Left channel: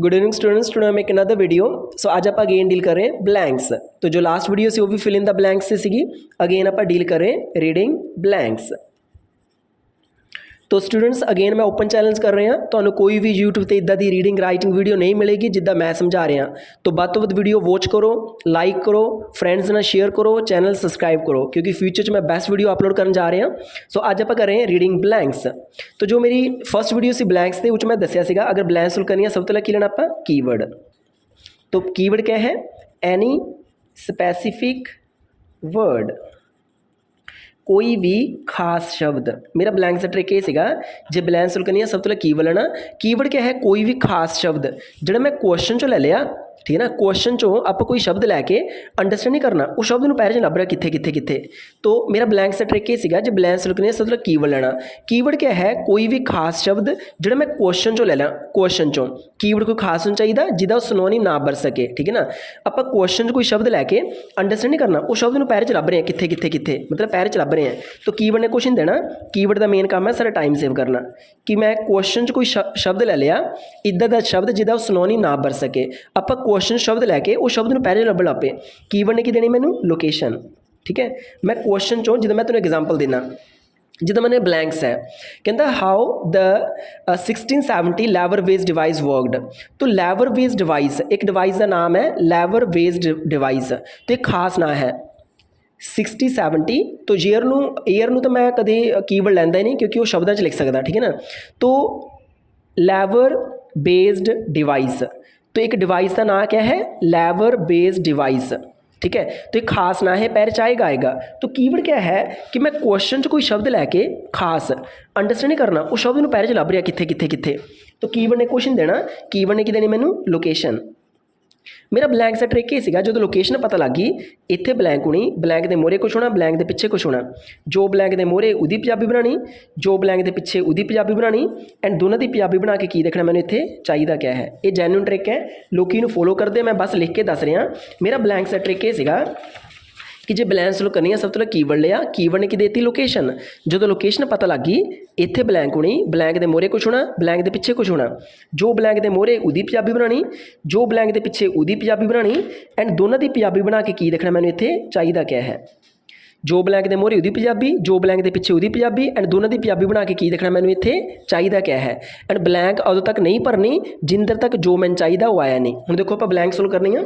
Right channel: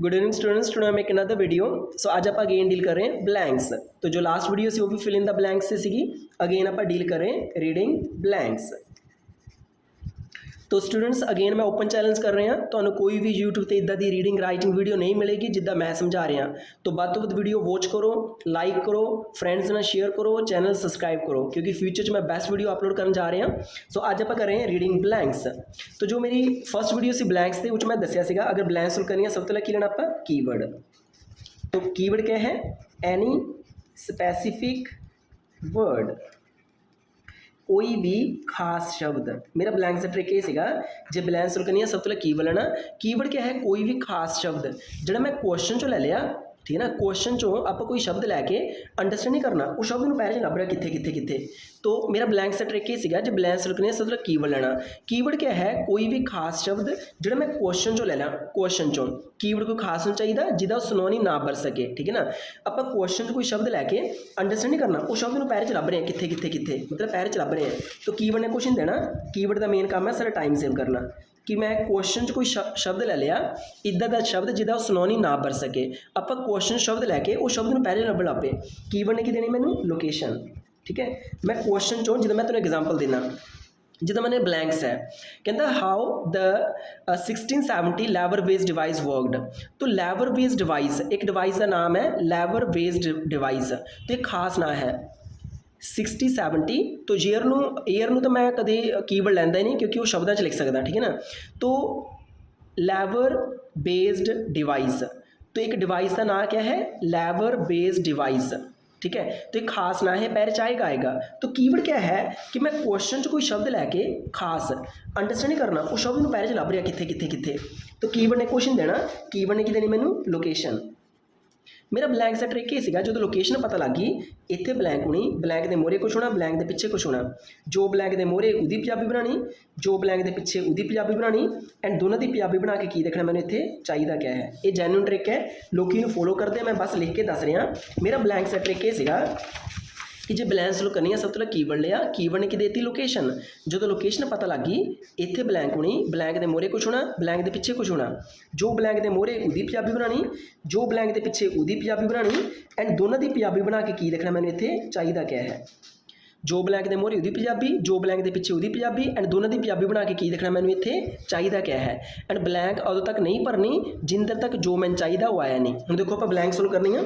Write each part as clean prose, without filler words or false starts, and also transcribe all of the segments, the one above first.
Good evening students, today make another video. So आज आप again deal कर रहे हैं ब्लैंक्स। तो जो लास्ट वीडियो सी वो भी फिल इन द ब्लैंक्स से सीगी। अगेन आप डील कर रहे हैं रीडिंग ब्लैंक्स। तो स्टूडेंट्स अगेन मैं ओपन चैलेंज कर रहे हैं, तो कोई भी यूट्यूब पर इदा की रीडिंग राइटिंग वीडियो नहीं मिलेगी जिदा मैं समझा रहा। तो ਵੱਧ ਤੋਂ ਵੱਧ वीडियो वॉच करो, लाइक करो, फ्रेंड्स ਨਾਲ शेयर करो, चैनल सबसक्राइब करो, क्योंकि फ्यूचर में बेस्ट वीडियो अपलोड करने जा रहे हैं। सो ਅੱਜ ਆਪਾਂ कर रहे हैं रीडिंग ब्लैंक्स। तो जो मेरी फर्स्ट वीडियो सी ब्लैंक्स थे, उस मैं दसिया सीगा अगर ब्लैंक्स सुल करनी है सब तो पहले की लेना आप कीवर्ड। तो कीवर्ड क्या है? एनी स्पैसीफिक वर्ड, कोई भी खास शब्द। मेरा ब्लैंक सा ट्रिक ये सीगा, जे ब्लैंक सुल करनी है सब तो पहले कीवर्ड लेना। कीवर्ड क्या है? कोई भी खास शब्द जो मैं क्वेश्चन चो ले लिया, ठीक है ना। क्वेश्चन चो आप कोई शब्द लैके अंडरस्टैंड नहीं करना, उस शब्द में पैर च लभ रहा कित्थे कित्थे कित्थे। तो मेरा ब्लैंक सा ट्रिक ये सीगा, जे ब्लैंक सुल करनी है सब तो कीवर्ड लेना। कीवर्ड क्या है? कोई भी खास शब्द जो मैं क्वेश्चन चो ले ला। क्वेश्चन चो कीवर्ड कोई खास होना चाहिए जिदा सिनोनिम ना बन सके, ठीक है ना। आप क्वेश्चन कोई शब्द लैके अंडरस्टैंड नहीं करना, उस शब्द में पैर च लभ रहे हैं कित्थे कित्थे कित्थे, मतलब पैर च लभ रहे हैं। तो कीवर्ड ने कुछ नहीं देना। कीवर्ड का मेन काम है सारा टाइम सेव करना, कि मैं क्वेश्चन च कोई शब्द ले लिया इदा का शब्द जिदा सिनोनिम ना बन सके। आप क्वेश्चन शब्द लैके उस शब्द में पैर लभन लग पे। कीवर्ड ने की देनी मैनू? लोकेशन, ठीक है। मैं क्वेश्चन चो जिदा मैं तेन एग्जाम्पल देना, जिदा मैंने ब्लैंक्स है, कहता how the 1670 lever wedge device worked. तो लेवर वेज डिवाइस एक डिवाइस का नाम है, लेवर वेज डिवाइस। तो एक खास ना है 6070। तो ईयर तो मैं कभी कीवर्ड लैंदा ही नहीं, क्योंकि वो शब्दों च लिख सकता, ठीक है ना। तो लेवर बेस्ड डिवाइस, तो एक डिवाइस का नाम क्या है? लेवर बेस्ड डिवाइस, ठीक है। तो एक खास ना है, पैर चाहेगा आएगा। तो कीवर्ड क्या है कि मैं क्वेश्चन च कोई शब्द लैके खास अंडरस्टैंड नहीं करना, उस शब्द में पैर च लभ रहा कित्थे कित्थे कित्थे। तो कीवर्ड ने कुछ नहीं देना। कीवर्ड ने की देनी मैनू? लोकेशन। मेरा ब्लैंक सा ट्रिक ये सीगा, जो लोकेशन पता लग गई इत्थे ब्लैंक होनी, ब्लैंक के मोहरे कुछ होना, ब्लैंक के पिछे कुछ होना। जो ब्लैंक के मोहरे उहदी पंजाबी बनानी, जो ब्लैंक के पिछे उहदी पंजाबी बनानी, एंड दोनों की पंजाबी बना के की देखना मैंने इत्थे चाहिए क्या है। ये जैन्युइन ट्रिक है, लोग इनू फॉलो करते, मैं बस लिख के दस रहा। मेरा ब्लैंक सा ट्रिक ये सीगा कि जे ब्लैंक सुल करनी है सब तो पहले कीवर्ड लिया, कीवर्ड ने की देती लोकेशन। जो लोकेशन पता लग गई इत्थे ब्लैंक होनी, ब्लैंक के मोहरे कुछ होना, ब्लैंक के पिछे कुछ होना। जो ब्लैंक के मोहरे उहदी पंजाबी बनानी, जो ब्लैंक के पिछे उहदी पंजाबी बनानी, एंड दोनों की पंजाबी बना के की देखना मैंने इत्थे चाहिए क्या है। जो ब्लैंक के मोहरे उहदी पंजाबी, जो ब्लैंक के पिछे उहदी पंजाबी, एंड दोनों की पंजाबी बना के की देखना मैंने इत्थे चाहिए क्या है। एंड ब्लैंक उदों तक नहीं भरनी जिन देर तक जो मैंने चाहिए वो आया नहीं। हुण देखो आप ब्लैंक सोल्व करनी है,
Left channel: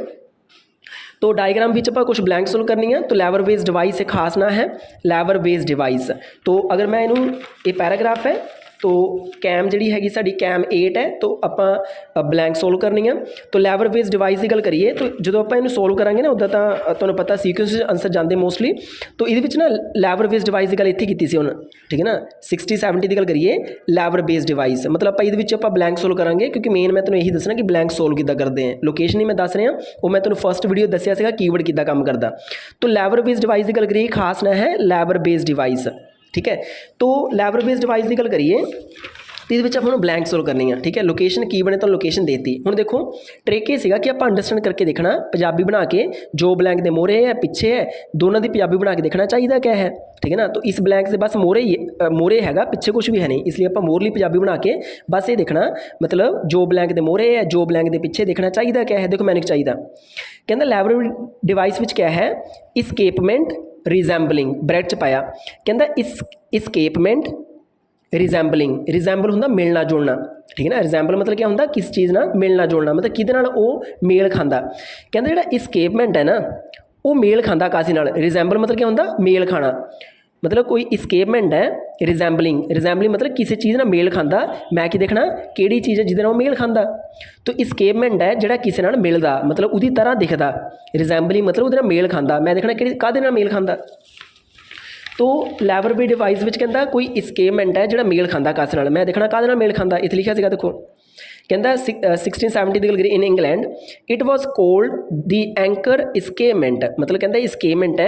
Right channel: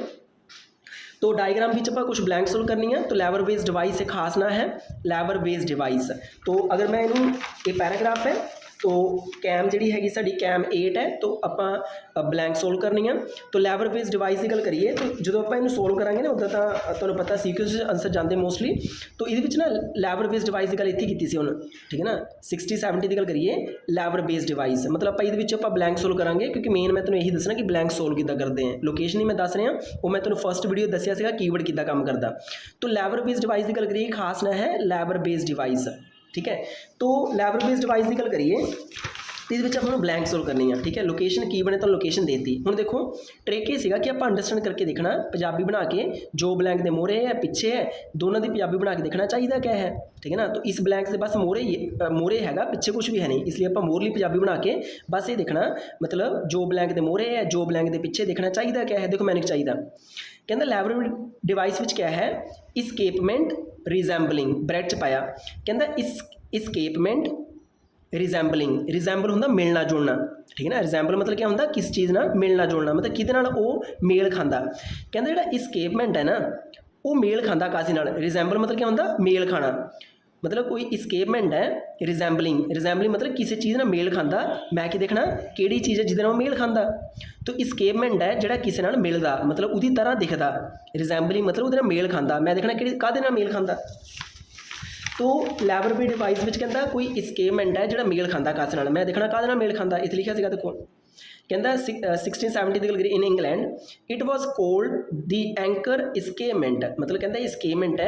तो डायग्राम भी आप कुछ ब्लैंक सोल्व करनी है। तो लेवर बेस्ड डिवाइस एक खास ना है, लेवर बेस्ड डिवाइस। तो अगर मैं इनू ये पैराग्राफ है, तो कैम जी हैगी साडी कैम 8 है, तो आप ब्लैंक सोल्व करनी है। तो लेवर बेस्ड डिवाइस की गल करिए, तो जो आप इन्हू सोल्व करांगे ना, उदा तो तुहानूं पता सीक्वेंस आंसर जाते मोस्टली। तो ये ना लेवर बेस्ड डिवाइस की गल इत्थे कीती सी हुण, ठीक है ना। 6070 की गल करिए, लेवर बेस्ड डिवाइस मतलब आप ब्लैंक सोल्व करांगे, क्योंकि मेन मैं तुहानूं यही दसना कि ब्लैंक सोल्व किद्दां करते हैं। लोकेशन ही मैं दस रहा, वो मैं तुहानूं फर्स्ट वीडियो दसिया सीगा कीवर्ड किद्दां काम करदा। तो लेवर बेस्ड डिवाइस की गल करिए, खास ना है लेवर बेस्ड डिवाइस, ठीक है। तो लेवर बेस्ड डिवाइस की गल करिए, तो ये आप ब्लैंक सोल्व करनी है, ठीक है। लोकेशन कीवर्ड ने तो लोकेशन देती। हुण देखो ट्रिक ये सीगा कि आप अंडरस्टैंड करके देखना, पंजाबी बना के जो ब्लैंक के मोहरे है पिछे है दोनों की पंजाबी बना के देखना चाहिए क्या है, ठीक है ना। तो इस ब्लैंक से बस मोहरे हैगा, पिछे कुछ भी है नहीं, इसलिए आप मोहरली पंजाबी बना के बस ये देखना, मतलब जो ब्लैंक के मोहरे है जो ब्लैंक के पिछे देखना चाहिए क्या है। देखो मैंने चाहिए कहता लेवर डिवाइस विच क्या है? इस्केपमेंट रिजैम्बलिंग, ब्रैकेट च पाया। कहता इस्केपमेंट रिजैम्बलिंग, रिजैम्बल होंदा मिलना जुलना, ठीक है ना। रिजैम्बल मतलब क्या होंदा? किस चीज़ ना मिलना जुलना, मतलब किहदे नाल वो मेल खांदा। कहंदे जिहड़ा इस्केपमेंट है ना वो मेल खांदा कासी नाल। रिजैम्बल मतलब क्या होंदा? मेल खाना। मतलब कोई इस्केपमेंट है, रिजैम्बलिंग मतलब किसी चीज़ नाल मेल खांदा। मैं की देखना किहड़ी चीज़ है जिहदे नाल मेल खांदा। तो इस्केपमेंट है जिहड़ा किसी नाल मिलदा, मतलब उहदी तरह दिखदा। रिजैम्बलिंग मतलब उहदे नाल मेल खांदा। मैं देखना किहड़ी काहदे नाल मेल खांदा। तो लेवर बेस्ड डिवाइस विच कहता कोई इस्केपमेंट है जिहड़ा मेल खांदा कासे नाल। मैं देखना काहदे नाल मेल खांदा, इत्थे लिखिया सीगा देखो। कहता 1670 की गल करिए, in England it was called the anchor escapement, मतलब कहता इस्केपमेंट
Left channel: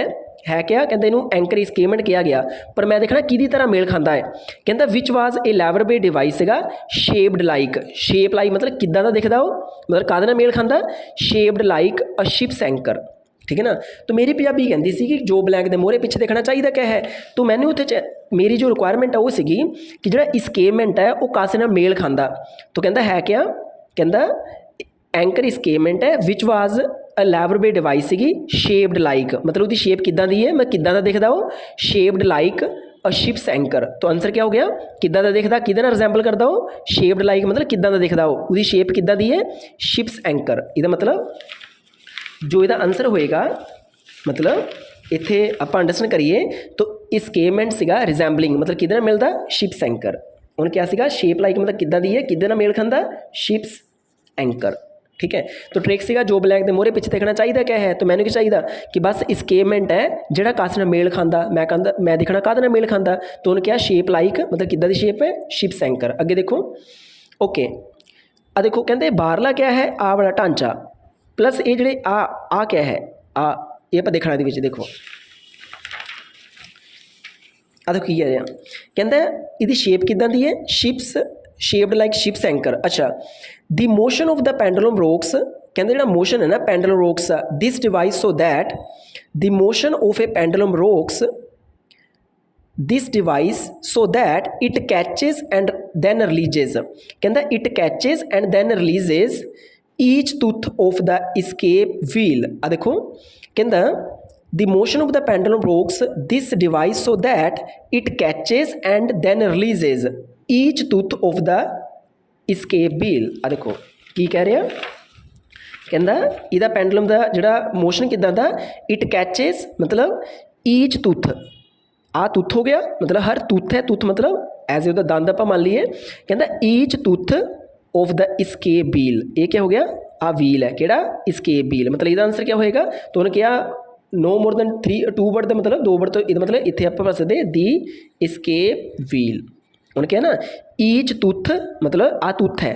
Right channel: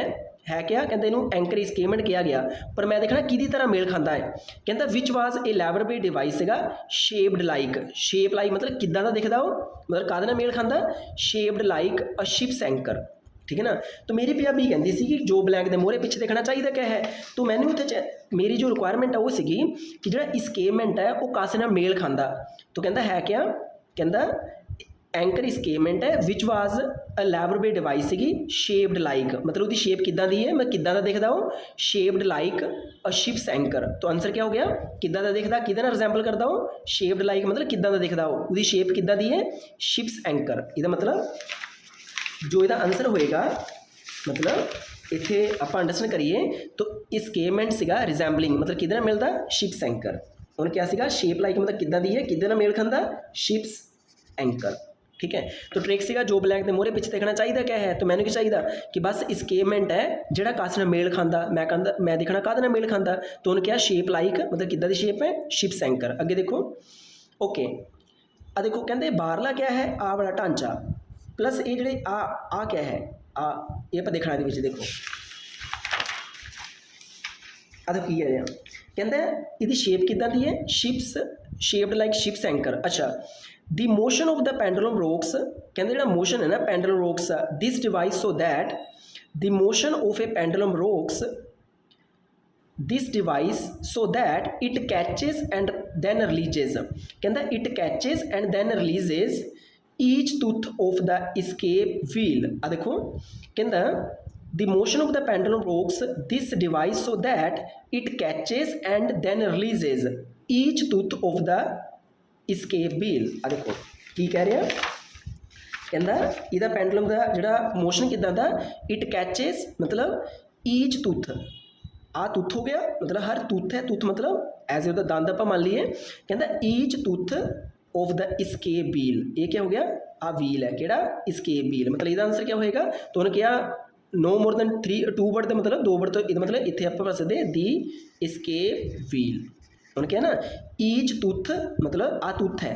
है क्या? कहते इनू एंकर इस्केपमेंट किया गया, पर मैं देखना किहदी तरह मेल खांदा है। कहता which was a lever based device cigar shaped like, shape like मतलब किद्दां दा दिखदा वो, मतलब काहदे नाल मेल खांदा? शेप्ड लाइक अ शिप्स एंकर, ठीक है ना। तो मेरी पंजाबी कहती सी कि जो ब्लैंक के मोहरे पिछे देखना चाहिए क्या है। तो मैंने उत्थे मेरी जो रिक्वायरमेंट है वो सीगी कि जो इस्केपमेंट है वो कासे नाल मेल खांदा। तो कहता है क्या? कहता एंकर इस्केपमेंट है विच वाज एलैबोरेट डिवाइस सीगी शेप्ड लाइक, मतलब उसकी शेप किदां दी है, मैं किदां दा दिखदा वो, शेप्ड लाइक अ शिप्स एंकर। तो आंसर क्या हो गया, किदां दा दिखदा, किहदे नाल रिजेंबल करदा वो, शेप्ड लाइक मतलब किदां दा दिखदा वो, उसकी शेप किदां दी है, शिप्स एंकर। इहदा मतलब जो इहदा आंसर होएगा, मतलब इत्थे आपां अंडरस्टैंड करिए तो इस्केपमेंट सीगा रिजेंबलिंग, मतलब किहदे नाल मिलदा, शिप्स एंकर। उन्हें क्या सीगा, शेप लाइक मतलब किदां दी है, किहदे नाल मेल खांदा, शिप्स एंकर। ठीक है, तो ट्रिक सीगा जो ब्लैंक के मोहरे पिछे देखना चाहिए क्या है, तो मैंने क्या चाहिए कि बस इस्केपमेंट है जिहड़ा कास नाल मेल खांदा, मैं देखना काहदे नाल मेल खांदा, तो उन्हें क्या शेप लाइक मतलब किदां दी शेप है, शिप्स एंकर। अगे देखो, ओके आ देखो कहते बाहरला क्या है, आ वाला ढांचा प्लस ये जिहड़े आ क्या है, आ ये आपां देखना इहदे विच। देखो आ देखो की है, कहता इहदी शेप किदां दी है, ships, shaped like ships anchor. अच्छा, the motion of the pendulum rocks, कहते जो मोशन है ना pendulum rocks this device so that the motion of a pendulum rocks this device so that it catches and then releases, कहता it catches and then releases each tooth of the escape wheel. आ देखो कहता the motion of the pendulum rocks this device so that it catches and then releases each tooth of the escape wheel. आ देखो की कह रहा, कहता इहदा पेंडुलम का जिहड़ा मोशन किदां दा, इट कैचेस मतलब ईच टूथ, आ टूथ हो गया मतलब हर टूथ है, टूथ मतलब एज ए उहदा दंद आपां मान लीए, कहता each tooth of the escape wheel, ये क्या हो गया, आ व्हील है किहड़ा, इस्केप व्हील। मतलब इहदा आंसर क्या होएगा, तो उन्हें क्या नो मोर दैन 2 वर्ड का मतलब 2 वर्ड, तो इहदा मतलब इत्थे आपां पढ़ सकदे दी इस्केप व्हील। उन्हें क्या ना ईच टूथ मतलब आ टूथ है,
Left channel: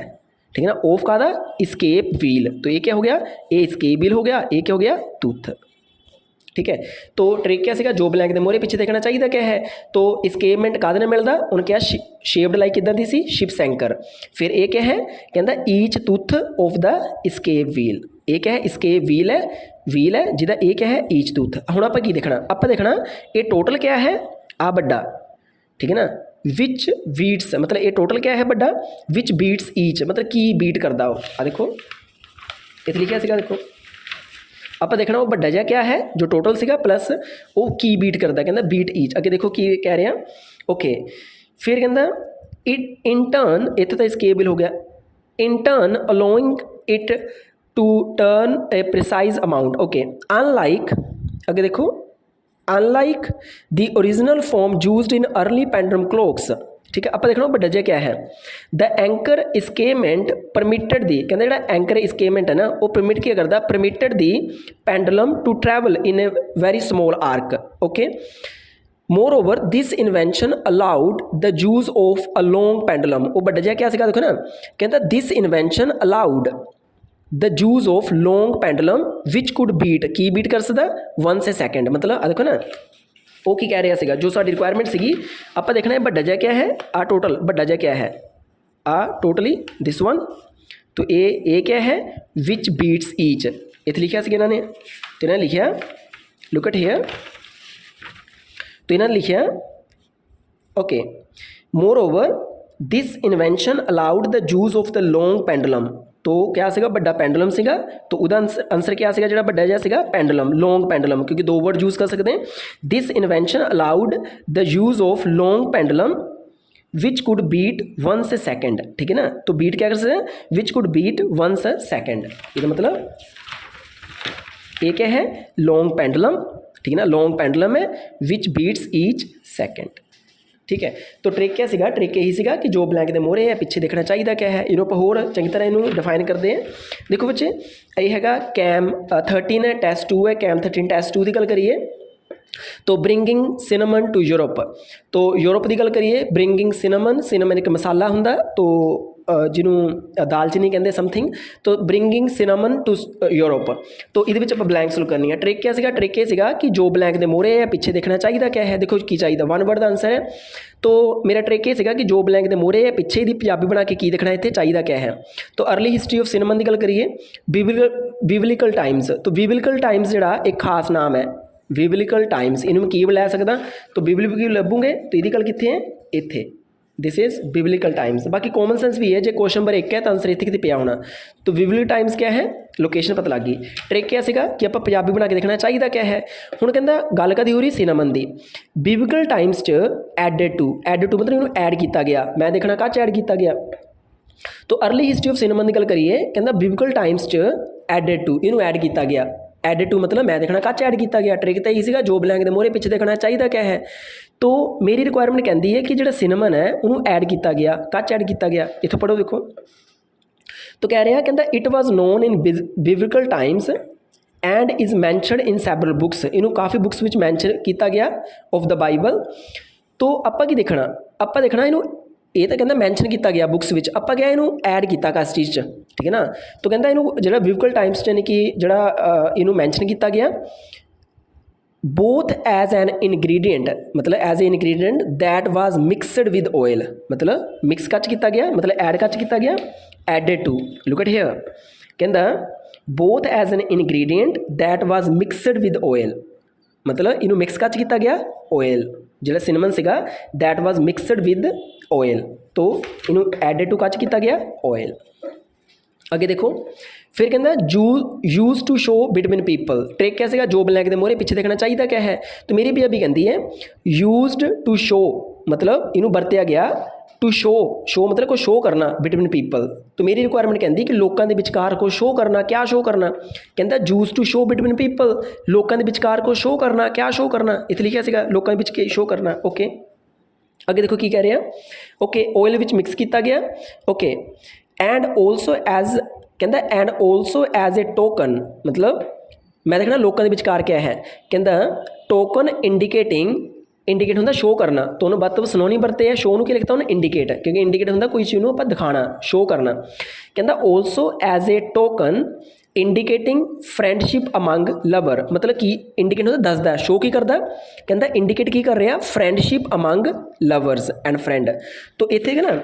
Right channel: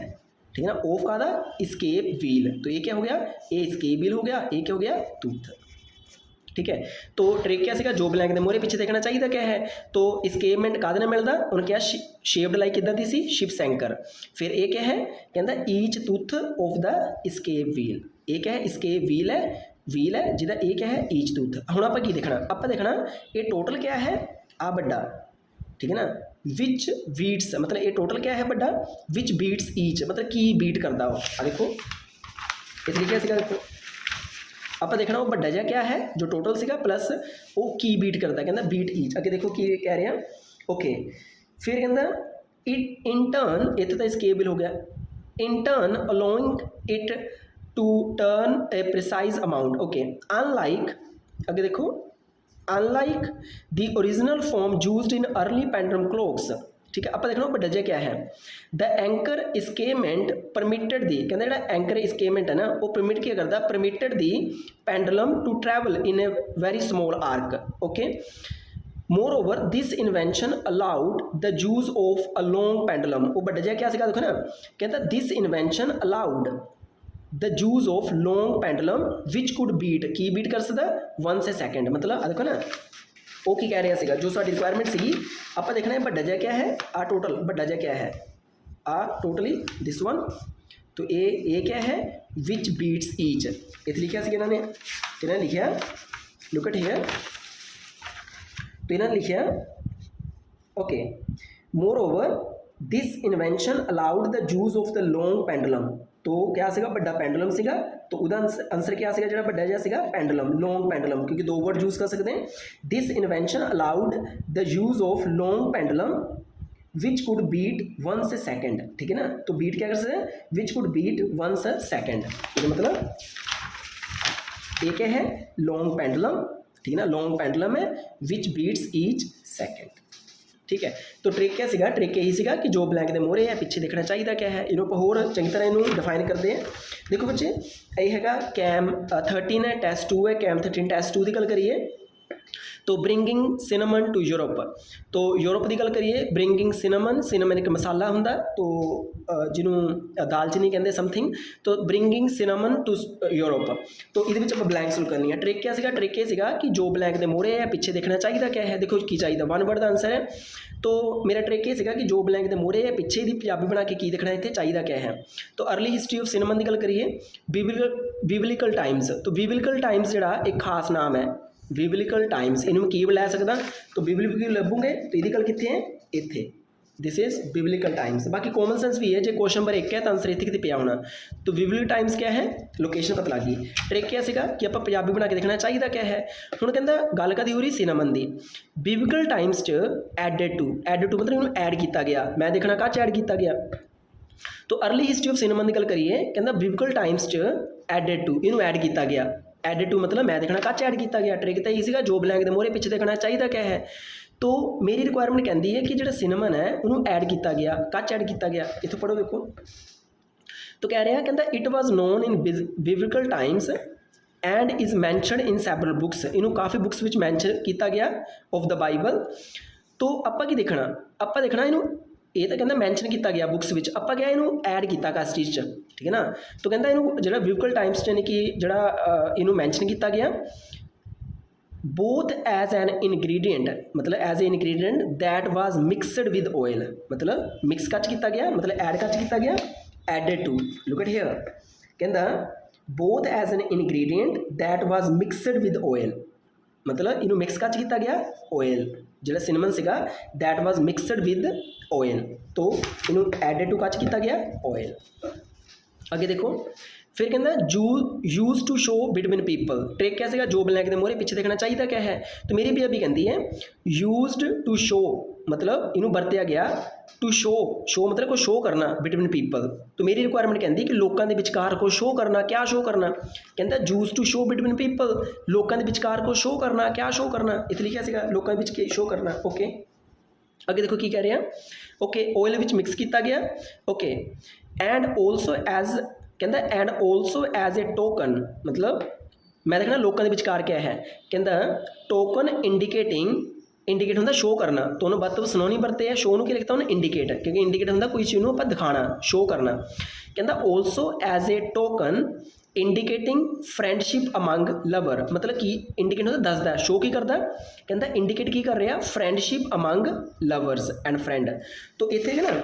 ठीक है ना, ऑफ का इस्केप व्हील, तो ये क्या हो गया, ये इस्केप व्हील हो गया, ये क्या हो गया, टूथ। ठीक है, तो ट्रिक क्या सीगा, जो ब्लैंक के मोहरे पिछे देखना चाहिए क्या है, तो इस्केपमेंट काहदे नाल मिलदा, उन्हें क्या शेप्ड लाइक किदां दी सी, शिप्स एंकर। फिर ये क्या है, कहता each tooth of the escape wheel, ये क्या है, इस्केप व्हील है जिहदा ये क्या है, ईच टूथ। हुण आपां की देखना, आपां देखना ये टोटल क्या है, आ बड़ा, ठीक है ना, विच बीट्स मतलब ये टोटल क्या है बड़ा, विच बीट्स ईच मतलब की बीट करता हो। आ देखो इत्थे लिखिया सीगा, देखो आप देखना वो बड़ा जिहा क्या है जो टोटल सीगा प्लस वो की बीट करता, कहता बीट ईच। अगे देखो की कह रहे हैं, ओके फिर कहता इट इन टर्न, इत्थे तो इस्केप व्हील हो गया, in turn allowing it to turn a precise amount. Okay unlike, अगे देखो unlike the original form used in early pendulum clocks. ठीक है, आप देखना बड़ा जिहा क्या है, the anchor escapement permitted the, कहते जो एंकर इस्केपमेंट है ना वो परमिट क्या करता, permitted the pendulum to travel in a very small arc. Okay, moreover this invention allowed the use of a long pendulum. वो बड़ा जिहा क्या सीगा, देखो ना कहता this invention allowed the use of long pendulum which could beat, की beat कर सकता 1 सेकेंड। मतलब देखो ना वो की कह रहा सीगा, जो साडी रिक्वायरमेंट सीगी आप देखना है बड़ा जिहा क्या है, आ टोटल बड़ा जिहा क्या है, आ टोटली दिस वन, तो ए क्या है, विच बीट्स ईच, इत्थे लिखिया सीगा इन्होंने, तो इन्होंने लिखिया लुक एट हियर, तो इन्होंने लिखिया okay moreover this invention allowed the use of the long pendulum. तो क्या सीगा बड़ा पेंडुलम सीगा, तो उदा आंसर क्या सीगा जिहड़ा बड़ा जिहा सीगा पेंडुलम, लॉन्ग पेंडुलम, क्योंकि 2 वर्ड यूज़ कर सकते हैं। This invention allowed the use of long pendulum which could beat 1 second. ठीक है ना, तो बीट क्या कर सकते हैं, विच कुड बीट 1 सेकेंड, इसका मतलब ये क्या है, लॉन्ग पेंडुलम। ठीक है ना, लॉन्ग पेंडुलम है विच बीट्स ईच सेकेंड। ठीक है, तो ट्रिक क्या सीगा, ट्रिक यही सीगा कि जो ब्लैंक के मोहरे है पिछे देखना चाहिए क्या है, इन्हों आप होर चंगी तरह इन्हों डिफाइन करते हैं। देखो बच्चे ये है कैम 13 है, टेस्ट 2 है, कैम 13 टेस्ट 2 की गल करिए तो ब्रिंगिंग सिनेमन टू यूरोप, तो यूरोप की गल करिए ब्रिंगिंग सिनेमन एक मसाला हुंदा, तो जिन्हों दालचीनी कहते समथिंग, तो ब्रिंगिंग सिनेमन टू यूरोप। तो ये आप ब्लैंक सॉल्व करनी है। ट्रिक क्या सीगा, ट्रिक ये सीगा कि जो ब्लैंक के मोहरे है पिछे देखना चाहिए क्या है, देखो की चाहिए 1 वर्ड का आंसर है। तो मेरा ट्रिक ये सीगा कि जो ब्लैंक के मोहरे है पिछे ही पंजाबी बना के की देखना इतने चाहिए क्या है। तो अर्ली हिस्टरी ऑफ सिनेमन की गल करिए, बिबलिकल टाइम्स, तो बिबलिकल टाइम्स जिहड़ा एक खास नाम है, बिबलिकल टाइम्स इन्होंने की लै सकदा, तो बिबलिकल लभूंगे तो यदी गल कित्थे है, इत्थे दिस इज़ बिबलिकल टाइम्स। बाकी कॉमन सेंस भी है, जो क्वेश्चन नंबर 1 है तो आंसर इतने कितने पिया होना। तो बिबलिकल टाइम्स क्या है, लोकेशन पता लग गई। ट्रिक क्या सीगा कि आप पंजाबी बना के देखना चाहिए क्या है। हुण कहंदा गल कदी हो रही सिनेमन दी, बिबलिकल टाइम्स च एडेड टू मतलब इन्हूं ऐड किया गया। मैं देखना कहाँ ऐड किया गया, तो अर्ली हिस्टरी ऑफ सिनेमन की गल करिए, कहंदा बिबलिकल टाइम्स च एडेड टू इन्हूं ऐड किया गया। एडेड टू मतलब मैं देखना कहाँ ऐड किया गया। ट्रिक तो यही सीगा, जो ब्लैंक के मोहरे पिछे देखना चाहिए क्या है। तो मेरी रिक्वायरमेंट कहती है कि जो सिनेमन है उन्होंने ऐड किया गया, कच ऐड किया गया। इतों पढ़ो देखो, तो कह रहा है कहता it was known in biblical times and is mentioned in several books. इनू काफ़ी बुक्स में मैंशन किया गया ऑफ द बाइबल। तो आप की देखना, आप देखना इनू ये तो कहना मैंशन किया गया बुक्स में, आप क्या इनू ऐड किया किस चीज़, ठीक है ना। तो कहता इनू जो बिबलिकल टाइम्स यानी कि जो इनू मैंशन किया गया बोथ एज एन इनग्रीडियंट, मतलब as a ingredient that was mixed with oil, मतलब मिक्स कच किया गया, मतलब ऐड कच किया गया। Added to, look at here, कहंदा both as an ingredient that was mixed with oil, मतलब इनू मिक्स कच किया गया ऑयल। जो सिनेमन सीगा that was mixed with oil, तो इनू एडेड टू कच किया गया ऑयल। अगे देखो, फिर कहना use to show between people. Trick कैसे का, जो ब्लैंक के मोहरे पीछे देखना चाहिए क्या है। तो मेरी भी अभी कहती है यूज्ड टू शो, मतलब इनू बरतिया गया टू शो मतलब को शो करना बिटवीन पीपल। तो मेरी रिक्वायरमेंट कहती कि लोगों के विचकार को शो करना, क्या शो करना, कहता use to show between people, लोगों के विचकार को शो करना, क्या शो करना, इतने लिखा सीगा लोगों के विच शो करना। ओके, अगे देखो की कह रहे हैं। ओके, ऑयल विच मिक्स किया गया। ओके, एंड ऑल्सो एज, कहता and also as a token, मतलब मैं देखना लोगों के विचकार क्या है। कहता टोकन इंडिकेट होंगे शो करना, तो उन्होंने बात सुनोनी बरते है। शो की लिखता उन्हें इंडिकेट, क्योंकि इंडिकेट होंगे कोई चीज़ आप दिखाना, शो करना। कहता also as a token indicating friendship among lover, मतलब कि इंडिकेट होंगे दसदा है, शो की करता, कहता इंडिकेट की कर रहा friendship among lovers and friend. तो इतने ना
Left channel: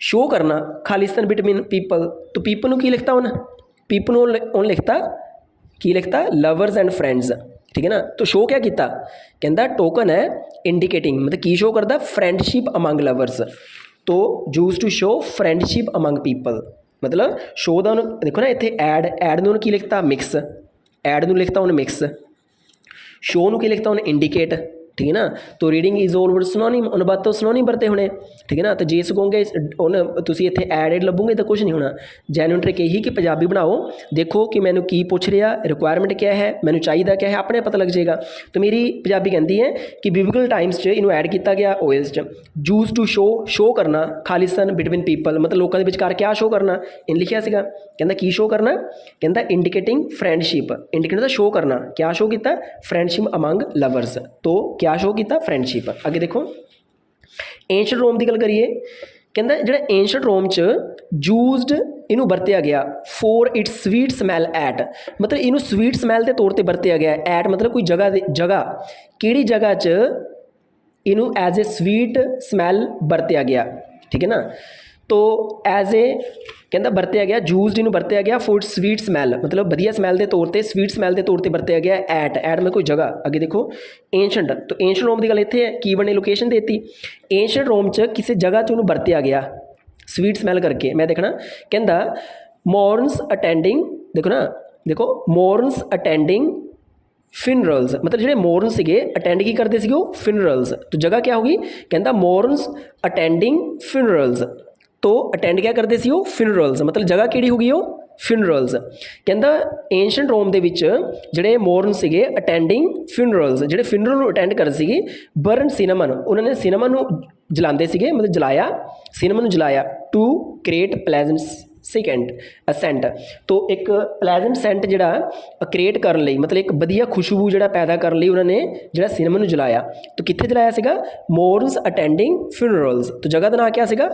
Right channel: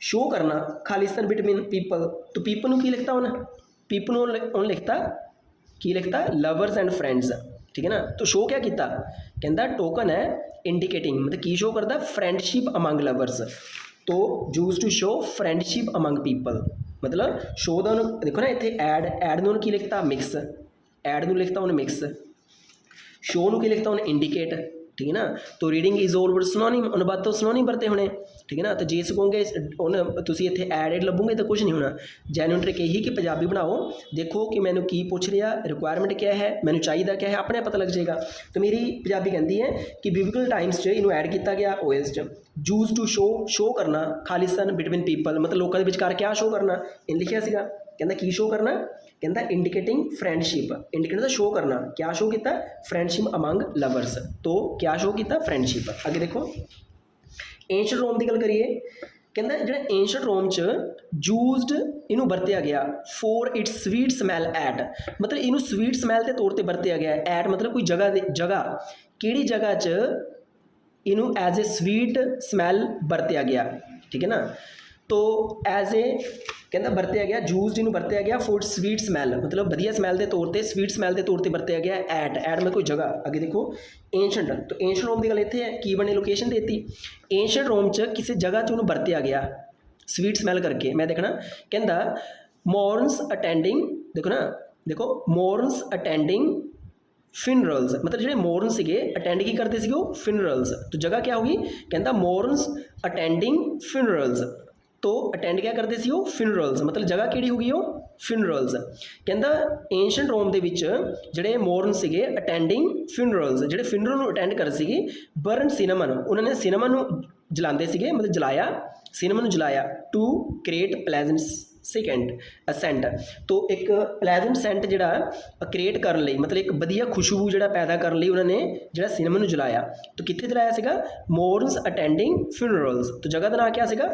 शो करना खालिस्तान बिटवीन पीपल, तो पीपल की लिखता उन्हें, पीपल उन लिखता की लिखता लवर्स एंड फ्रेंड्स, ठीक है ना। तो शो क्या किया, कहता टोकन है इंडिकेटिंग, मतलब की शो करता फ्रेंडशिप अमंग लवर्स। तो use to show friendship among people, मतलब शो का देखो ना इतने ऐड ने की लिखता मिक्स, ऐड में लिखता उन्हें मिक्स, शो की लिखता उन्हें इंडिकेट, ठीक है ना। तो reading is all word synonym, उन बात तो सिनोनिम बरते होने, ठीक है ना। तो जे सकोगे तुम इतने एड लभोगे तो कुछ नहीं होना। जैन्युइन ट्रिक यही कि पंजाबी बनाओ, देखो कि मैंने की पूछ रहा, रिक्वायरमेंट क्या है, मैंने चाहिए क्या है, अपने पता लग जाएगा। तो मेरी पंजाबी कहती है कि बिबलिकल टाइम्स इनू ऐड किया गया ऑयल्स च। यूज टू शो करना खालिस्तान बिटवीन पीपल, मतलब लोगों के विचकार क्या शो करना, इन लिखिया सीगा। कहता की शो करना, कहता इंडिकेटिंग फ्रेंडशिप, इंडिकेट शो करना, क्या शो किया फ्रेंडशिप अमंग लवर्स, तो क्या शो किया फ्रेंडशिप। अगे देखो, एंशंट रोम की गल करिए, कहता जो एंशंट रोम च यूज्ड इनू बरतिया गया for its sweet smell at, मतलब इनू स्वीट स्मैल के तौर पर बरतिया गया। एट मतलब कोई जगह किहड़ी जगह च इनू एज ए स्वीट स्मैल बरतिया गया, ठीक है ना। तो एज ए कहता बरतिया गया, यूज्ड इनू बरतिया गया फॉर स्वीट स्मैल, मतलब वधिया स्मैल के तौर पर, स्वीट स्मैल के तौर पर बरतिया गया। एट में कोई जगह। अगे देखो एंशंट, तो एंशंट रोम की गल इतने है, की बने लोकेशन देती एंशंट रोम च किसी जगह च उन्होंने बरतिया गया स्वीट स्मैल करके। मैं देखना कहता मॉर्न्स अटेंडिंग, देखो ना, देखो मॉर्न्स अटेंडिंग फिनरल्स, मतलब जो मॉर्न से अटेंड की करते फिनरल्स। तो जगह क्या होगी, कहता मॉर्न्स अटेंडिंग फिनरल्स, तो अटेंड क्या करते फिनरल्स, मतलब जगह किहड़ी होगी वो फिनरल्स। कहता एंशंट रोम के जोड़े मॉर्न से अटेंडिंग फिनरल्स, जोड़े फिनरल अटेंड करते थे बर्न सिनेमन, उन्होंने सिनेमन जलाते थे, मतलब जलाया सिनेमन जलाया टू क्रिएट प्लेजेंट सेंट। तो एक प्लेजेंट सेंट जोड़ा क्रिएट करने लई, मतलब एक वधिया खुशबू जोड़ा पैदा करने लई उन्होंने जोड़ा सिनेमन जलाया। तो कित्थे जलाया सीगा, मॉर्न्स अटेंडिंग फ्यूनरल्स, तो जगह का नाम क्या सीगा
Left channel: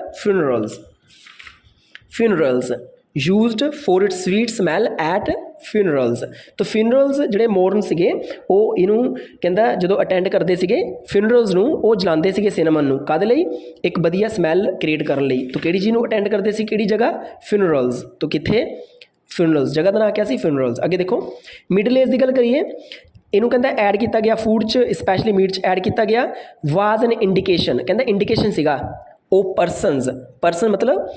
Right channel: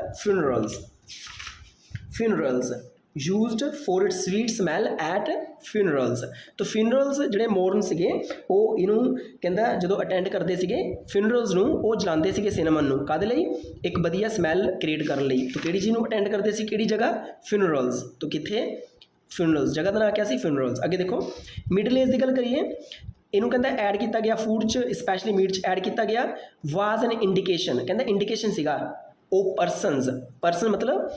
funerals used for its sweet smell at funerals. तो फ्यूनरल्स जोड़े मॉर्न से वो इनू कहता जो अटेंड करते थे फ्यूनरल्स वो जलाते थे सिनेमन कद लई, एक वधिया स्मैल क्रिएट करने लई। तो किहड़ी चीज़ अटेंड करते थे, किहड़ी जगह फ्यूनरल्स, तो कित्थे फ्यूनरल्स, जगह का नाम क्या सी फ्यूनरल्स। अगे देखो मिडल एज की गल करिए, इनू कहता ऐड किया गया फूड च स्पैशली मीट च ऐड किया गया वाज एन इंडिकेशन, कहता इंडिकेशन सीगा ਉਹ ਪਰਸਨਸ, ਪਰਸਨ ਮਤਲਬ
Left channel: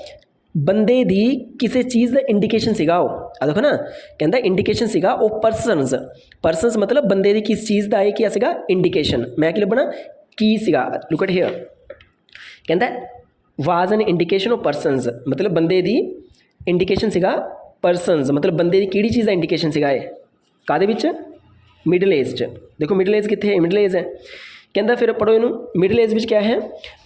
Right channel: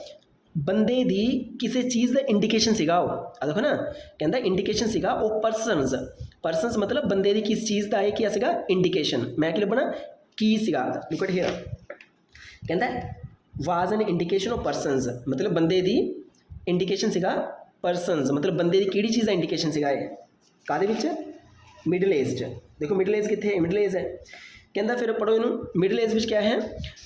ਬੰਦੇ ਦੀ ਕਿਸੇ ਚੀਜ਼ ਦਾ ਇੰਡੀਕੇਸ਼ਨ ਸੀਗਾ ਉਹ, ਆ ਦੇਖੋ ਨਾ ਕਹਿੰਦਾ ਇੰਡੀਕੇਸ਼ਨ ਸੀਗਾ ਉਹ ਪਰਸਨਸ, ਪਰਸਨਸ ਮਤਲਬ ਬੰਦੇ ਦੀ ਕਿਸ ਚੀਜ਼ ਦਾ ਇਹ ਕੀ ਸੀਗਾ ਇੰਡੀਕੇਸ਼ਨ, ਮੈਂ ਕੀ ਲੱਭਣਾ ਕੀ ਸੀਗਾ, ਲੁੱਕ ਐਟ ਹੇਅਰ ਕਹਿੰਦਾ ਵਾਜ਼ ਐਨ ਇੰਡੀਕੇਸ਼ਨ ਆਫ ਪਰਸਨਸ ਮਤਲਬ ਬੰਦੇ ਦੀ ਇੰਡੀਕੇਸ਼ਨ ਸੀਗਾ ਪਰਸਨਸ ਮਤਲਬ ਬੰਦੇ ਦੀ ਕਿਹੜੀ ਚੀਜ਼ ਦਾ ਇੰਡੀਕੇਸ਼ਨ ਸੀਗਾ ਇਹ, ਕਾਹਦੇ ਵਿੱਚ ਮਿਡਲ ਏਜ 'ਚ, ਦੇਖੋ ਮਿਡਲ ਏਜ ਕਿੱਥੇ ਹੈ, ਮਿਡਲ ਏਜ ਹੈ। ਕਹਿੰਦਾ ਫਿਰ ਪੜ੍ਹੋ ਇਹਨੂੰ, ਮਿਡਲ ਏਜ ਵਿੱਚ ਕਿਆ ਹੈ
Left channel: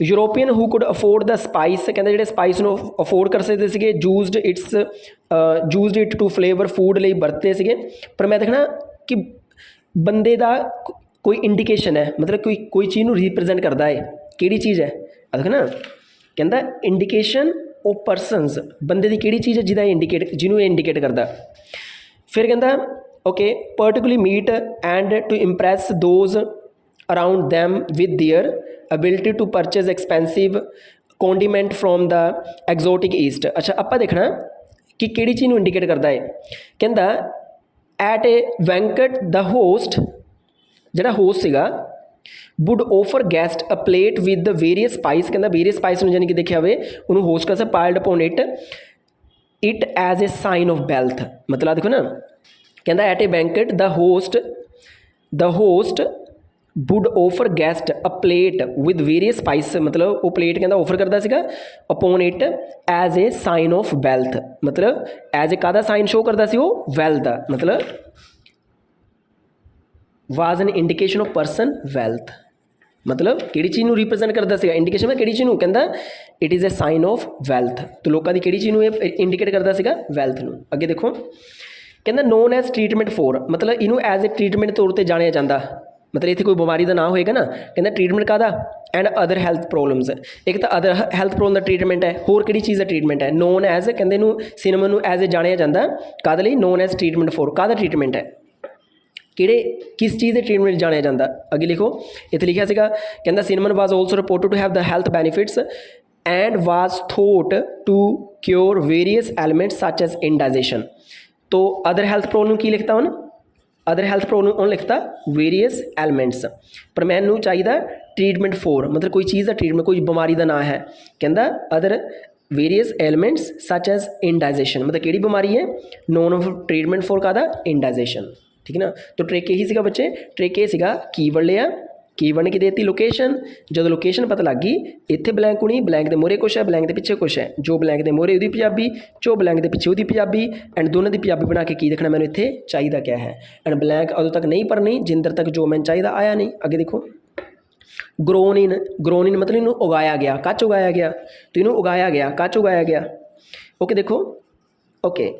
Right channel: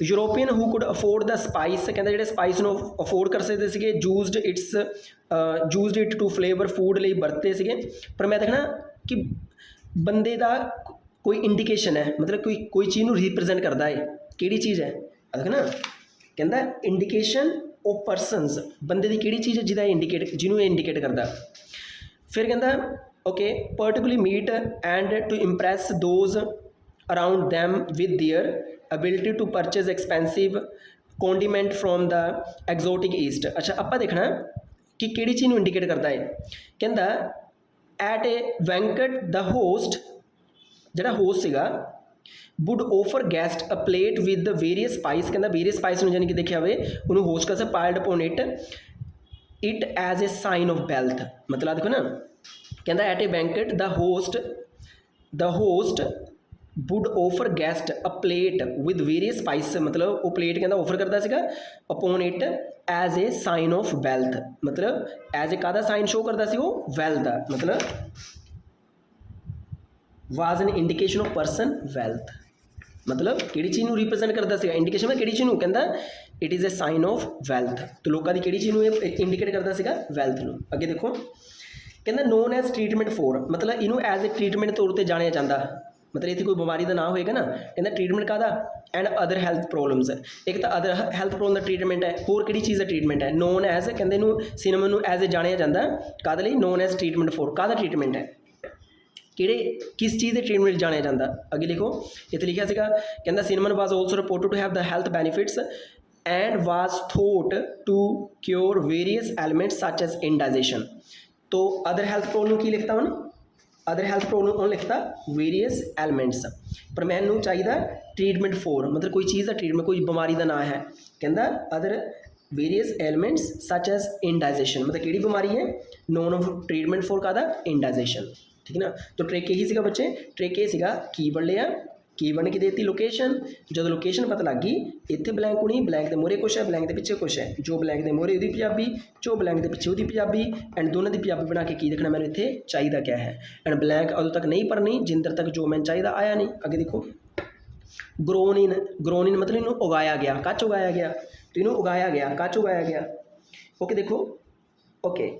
European who could afford the spice, ਕਹਿੰਦਾ ਜਿਹੜੇ ਸਪਾਈਸ ਨੂੰ ਅਫੋਰਡ ਕਰ ਸਕਦੇ ਸੀਗੇ, used it to flavour food ਲਈ ਵਰਤੇ ਸੀਗੇ। ਪਰ ਮੈਂ ਦੇਖਣਾ ਕਿ ਬੰਦੇ ਦਾ ਕੋਈ ਇੰਡੀਕੇਸ਼ਨ ਹੈ ਮਤਲਬ ਕੋਈ ਚੀਜ਼ ਨੂੰ ਰਿਪਰੈਜ਼ੈਂਟ ਕਰਦਾ ਹੈ, ਕਿਹੜੀ ਚੀਜ਼ ਹੈ ਆ ਦੇਖ ਨਾ, ਕਹਿੰਦਾ ਇੰਡੀਕੇਸ਼ਨ ਉਹ ਪਰਸਨਸ ਬੰਦੇ ਦੀ ਕਿਹੜੀ ਚੀਜ਼ ਹੈ ਜਿਹਦਾ ਇੰਡੀਕੇਟ ਜਿਹਨੂੰ ਇਹ ਇੰਡੀਕੇਟ ਕਰਦਾ। ਫਿਰ ਕਹਿੰਦਾ okay particularly meat and to impress those around them with their ability to purchase expensive condiment from the exotic east। ਅੱਛਾ ਆਪਾਂ ਦੇਖਣਾ ਕਿ ਕਿਹੜੀ ਚੀਜ਼ ਨੂੰ ਇੰਡੀਕੇਟ ਕਰਦਾ ਹੈ, ਕਹਿੰਦਾ at a banquet the host, ਜਿਹੜਾ ਹੋਸਟ ਸੀਗਾ would offer guest a plate with the various spice, ਕਹਿੰਦਾ ਵੇਰੀਅਸ ਸਪਾਈਸ ਨੂੰ ਜਾਨੀ ਕਿ ਦੇਖਿਆ ਹੋਵੇ ਉਹਨੂੰ ਹੋਸਟ ਕਰ piled upon it as a sign of wealth, ਮਤਲਬ ਦੇਖੋ ਨਾ ਕਹਿੰਦਾ at a banquet the host would offer guest a plate with various spices, मतलब वो plate कहता ऑफर करता सीगा upon it as a sign of wealth, मतलब as a कादा sign show करता सी वो wealth दा, मतलब was an indication of person wealth, मतलब ਕਿਹੜੀ ਚੀਜ਼ ਨੂੰ ਰਿਪਰੈਜ਼ੈਂਟ ਕਰਦਾ ਸੀਗਾ ਇੰਡੀਕੇਸ਼ਨ ਮੈਂ ਕਿਹੜੀ ਚੀਜ਼ ਨੂੰ ਕਹਿੰਦਾ it is a sign of wealth, तो ਲੋਕਾਂ ਦੀ ਕਿਹੜੀ ਚੀਜ਼ ਨੂੰ ਇਹ ਇੰਡੀਕੇਟ ਕਰਦਾ ਸੀਗਾ ਵੈਲਥ ਨੂੰ। ਅੱਗੇ ਦੇਖੋ ਕਹਿੰਦਾ ਨੋਨ ਐਜ਼ ਟ੍ਰੀਟਮੈਂਟ ਫੋਰ, ਮਤਲਬ ਇਹਨੂੰ ਐਜ਼ ਅ ਟ੍ਰੀਟਮੈਂਟ ਤੌਰ ਤੇ ਜਾਣਿਆ ਜਾਂਦਾ, मतलब इतने कोई बीमारी का ना होएगा ना, कहना ट्रीटमेंट का एंड अदर हैल्थ प्रॉब्लम्स है, एक तो अदर हैल्थ प्रॉब्लम का ट्रीटमेंट है, होर किहड़ी चीज़ का ट्रीटमेंट है नोन एज कहते सिनेमन एज ए जानिया जाता काहदे लई नोन एज ट्रीटमेंट फॉर, काहदा ट्रीटमेंट है किहड़े किस चीज़ के ट्रीटमेंट जानिया जाता। अगे लिखो इत्थे लिखिया सीगा कहता cinnamon was also reported to have the health benefits and was thought to cure various elements such as indigestion. तो अदर हैल्थ प्रॉब्लम की लिखता हूँ अदर हैल्थ प्रॉब्लम उन्होंने लिखता वेरीअस एलिमेंट्स, पर मैनू चाहिए ट्रीटमेंट फॉर मतलब कोई चीज़ का ट्रीटमेंट कोई बीमारी का ना है, कहता other various elements such as indigestion, मतलब किहड़ी बीमारी है नॉन ऑफ ट्रीटमेंट फॉर कादा इंडाइजेशन, ठीक है ना। तो ट्रिक यही सीगा बच्चे, ट्रिक ये सीगा कीवर्ड लिया, कीवर्ड की देती लोकेशन, जो लोकेशन पता लग गई इत्थे ब्लैंक होनी, ब्लैंक के मोहरे कुछ है ब्लैंक के पिछे कुछ है, जो ब्लैंक के मोहरे उसकी पंजाबी जो ब्लैंक के पिछे उसकी पंजाबी एंड दोनों की पंजाबी बना के की देखना मैंने इत्थे चाहिए क्या है, एंड ब्लैंक उदों तक नहीं भरनी जिंदर तक जो मैंने चाहिए आया नहीं। अगे देखो ग्रोन इन मतलब इन्हों उगाया गया, कच उगाया गया, तो इन्हों उगाया गया कच उगाया गया। ओके देखो ओके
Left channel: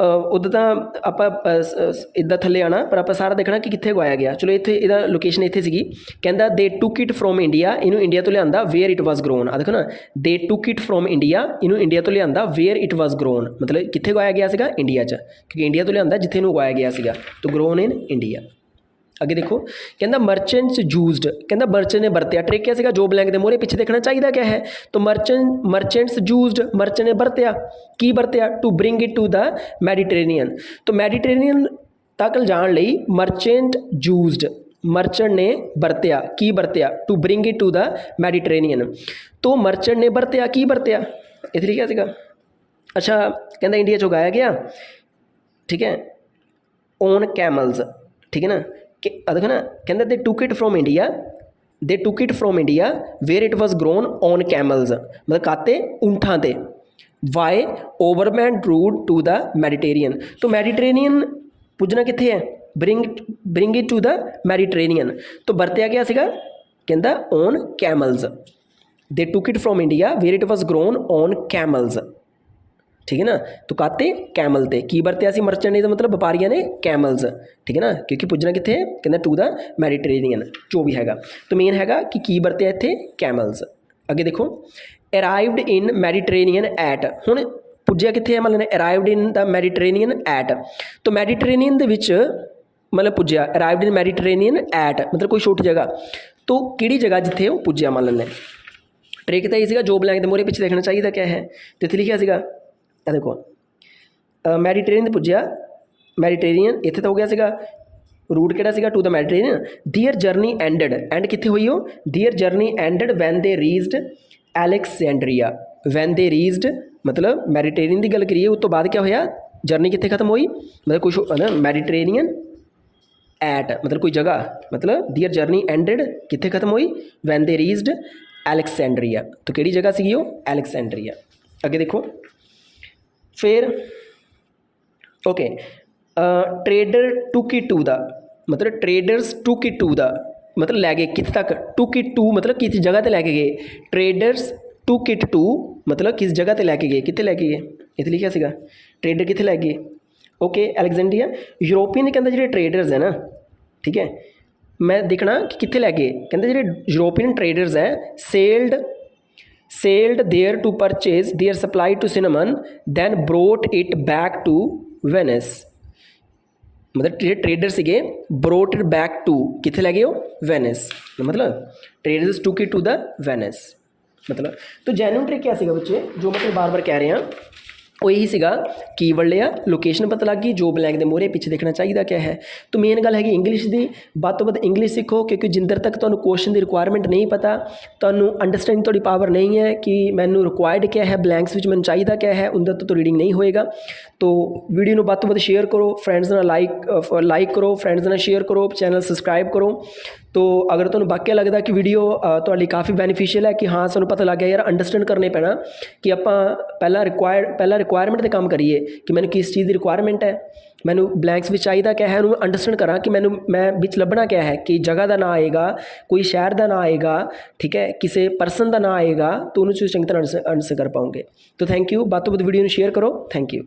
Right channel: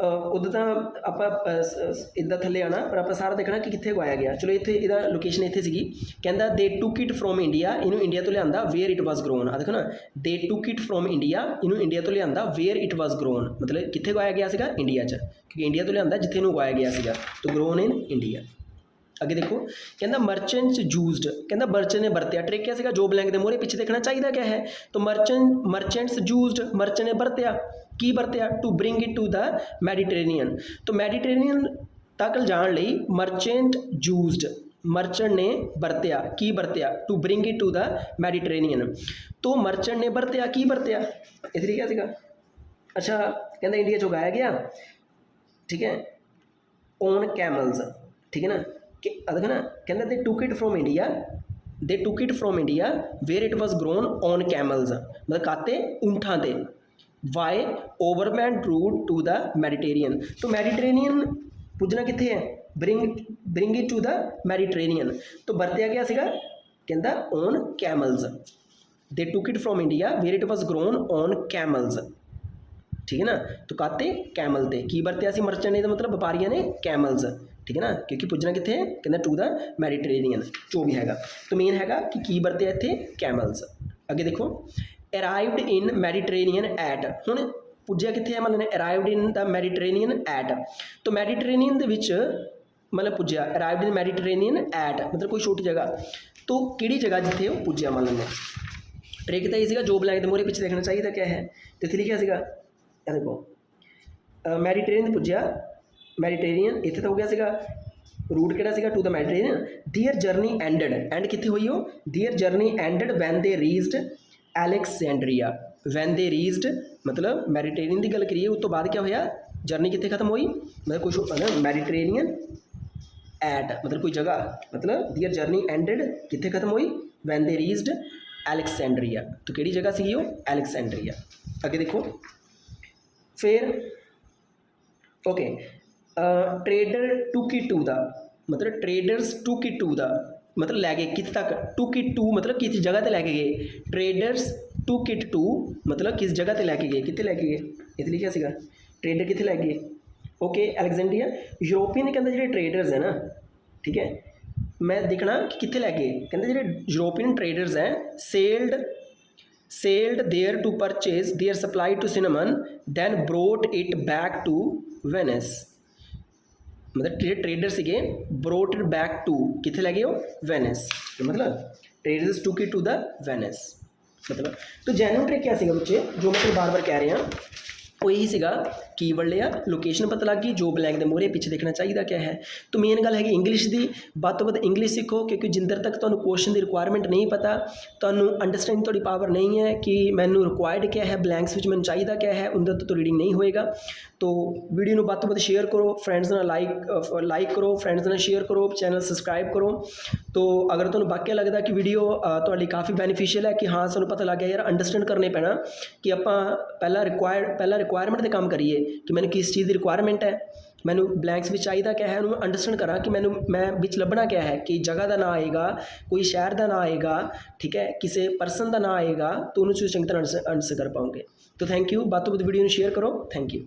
उधर तो आप इदा थले आना पर आप सारा देखना कि कितने उगाया गया। चलो इतने इहदा लोकेशन इतने सी कहता दे टुक इट फ्रॉम इंडिया, इनू इंडिया तो लिया वेयर इट वॉज ग्रोन, आ देखो ना दे टुक इट फ्रॉम इंडिया, इनू इंडिया तो लिया वेयर इट वॉज ग्रोन, मतलब कितने उगाया गया सीगा इंडिया च, क्योंकि इंडिया तो लिया जिथे इनू उगाया गया सीगा, तो ग्रोन इन इंडिया। अगे देखो कहता मर्चेंट्स यूज्ड, कहता मर्चेंट ने बरतिया, ट्रिक क्या सीगा जो ब्लैंक के मोहरे पिछे देखना चाहिए क्या है, तो मर्चेंट्स यूज्ड मर्चेंट ने बरतिया की बरतिया to bring it to the Mediterranean, तो मैडिटेरेनियन तक जाने लई मर्चेंट यूज्ड मर्चेंट ने बरतिया की बरतिया to bring it to the Mediterranean, तो मर्चेंट ने बरतिया की बरतिया इतनी क्या सीगा। अच्छा कहता इंडिया च उगाया गया, ठीक है ओन कैमल्स, ठीक है ना कि देखो ना कहते they took it from India where it was grown on camels, मतलब काते ऊंठां ते, via overland route to the Mediterranean, तो मैडिटेरेनियन पुजना कित्थे है bring it to the Mediterranean, तो बरतिया क्या सीगा कहता on camels, they took it from India where it was grown on camels, ठीक है ना। तो काते कैमल ते की बरतिया सी मर्चेंट ने, तो मतलब व्यापारियों ने कैमल्स, ठीक है ना, क्योंकि पुजना कितने है कहते टू द मैडिटेरेनियन जो भी हैगा, तो मेन हैगा कि की बरतिया इत्थे कैमल्स। अगे देखो अराइवड इन मैडिटेरेनियन एट, हुण पुज्या कितने है मतलब अराइवड इन द मैडिटेरेनियन एट, तो मैडिटेरेनियन दे विच मतलब पुज्या अराइवड इन मैडिटेरेनियन एट मतलब कोई छोटी जगह, तो किहड़ी जगह जिथे वो पुज्या मान लें। ट्रिक तो ये सीगा जो ब्लैंक दे मोहरे पिछे देखना चाहिए क्या है, तो इत्थे लिखिया सीगा देखो मैडिटेरेनियन पुज्या मैडिटेरेनियन इत्थे तो हो गया सीगा रूट किहड़ा सीगा to the Mediterranean, their journey ended and कित्थे हुई हो their journey ended when they reached Alexandria when they reached मतलब मैडिटेरेनियन की गल करिए उस तो बाद क्या होया जर्नी कितने खत्म हुई मतलब कुछ मैडिटेरेनियन एट मतलब कोई जगह मतलब दियर जर्नी एंडेड कितने खत्म हुई वैन दे रीच्ड एलेक्सेंड्रिया तो केड़ी जगह सी वो एलेक्सेंड्रिया अगे देखो फिर ओके ट्रेडर टू दा मतलब ट्रेडर्स टू दा मतलब लै गए कित तक टू मतलब किस जगह ते लैके गए ट्रेडर्स टू मतलब किस जगह ते लैके गए कितने लैके गए इत्थे लिखिया सीगा ट्रेडर कितने लै गए ओके एलेक्जेंड्रिया यूरोपीयन कहते जो ट्रेडर्स है ना ठीक है मैं देखना कि कितने लै गए कहते जो यूरोपीयन ट्रेडर्स है sailed there to purchase their supply to cinnamon then brought it back to Venice मतलब जो ट्रेडर से ब्रोट इट बैक टू कितने लै गए हो वेनिस मतलब ट्रेडर्स टू द वेनिस मतलब तो जैनुअन ट्रिक क्या सीगा बच्चे जो मतलब बार बार कह रहे हैं वो यही सीगा कीवर्ड लिया लोकेशन पता लग गई जो ब्लैंक के मोहरे पिछे देखना चाहिए क्या है तो मेन गल हैगी इंग्लिश की ਵੱਧ ਤੋਂ ਵੱਧ इंग्लिश सीखो क्योंकि जिंदर तक ਤੁਹਾਨੂੰ क्वेश्चन की रिक्वायरमेंट नहीं पता ਤੁਹਾਨੂੰ अंडरस्टैंडिंग थोड़ी पावर नहीं है कि मैनू रिक्वायर्ड क्या है ब्लैंक्स में मैंने चाहिए क्या है उनका तो रीडिंग नहीं होएगा तो वीडियो ਨੂੰ ਵੱਧ ਤੋਂ ਵੱਧ शेयर करो फ्रेंड्स ਨਾਲ लाइक करो फ्रेंड्स ਨਾਲ शेयर करो चैनल सबसक्राइब करो तो अगर ਤੁਹਾਨੂੰ वाकई लगता कि वीडियो ਤੁਹਾਡੇ काफ़ी बेनीफिशियल है कि हाँ ਸਾਨੂੰ पता लग गया यार अंडरस्टैंड करने पैना कि ਆਪਾਂ ਪਹਿਲਾਂ रिक्वायरमेंट ਤੇ ਕੰਮ ਕਰੀਏ कि मैंने किस चीज़ की रिक्वायरमेंट है मैनू ब्लैंक्स में चाहिए क्या है उन्होंने अंडरस्टैंड करा कि मैं बिच लभना क्या है कि जगह का ना आएगा कोई शहर का ना आएगा ठीक है किसी परसन का ना आएगा तो उन्होंने चंगी तरह आंसर कर पाओगे तो थैंक यू ਵੱਧ ਤੋਂ ਵੱਧ वीडियो शेयर करो थैंक यू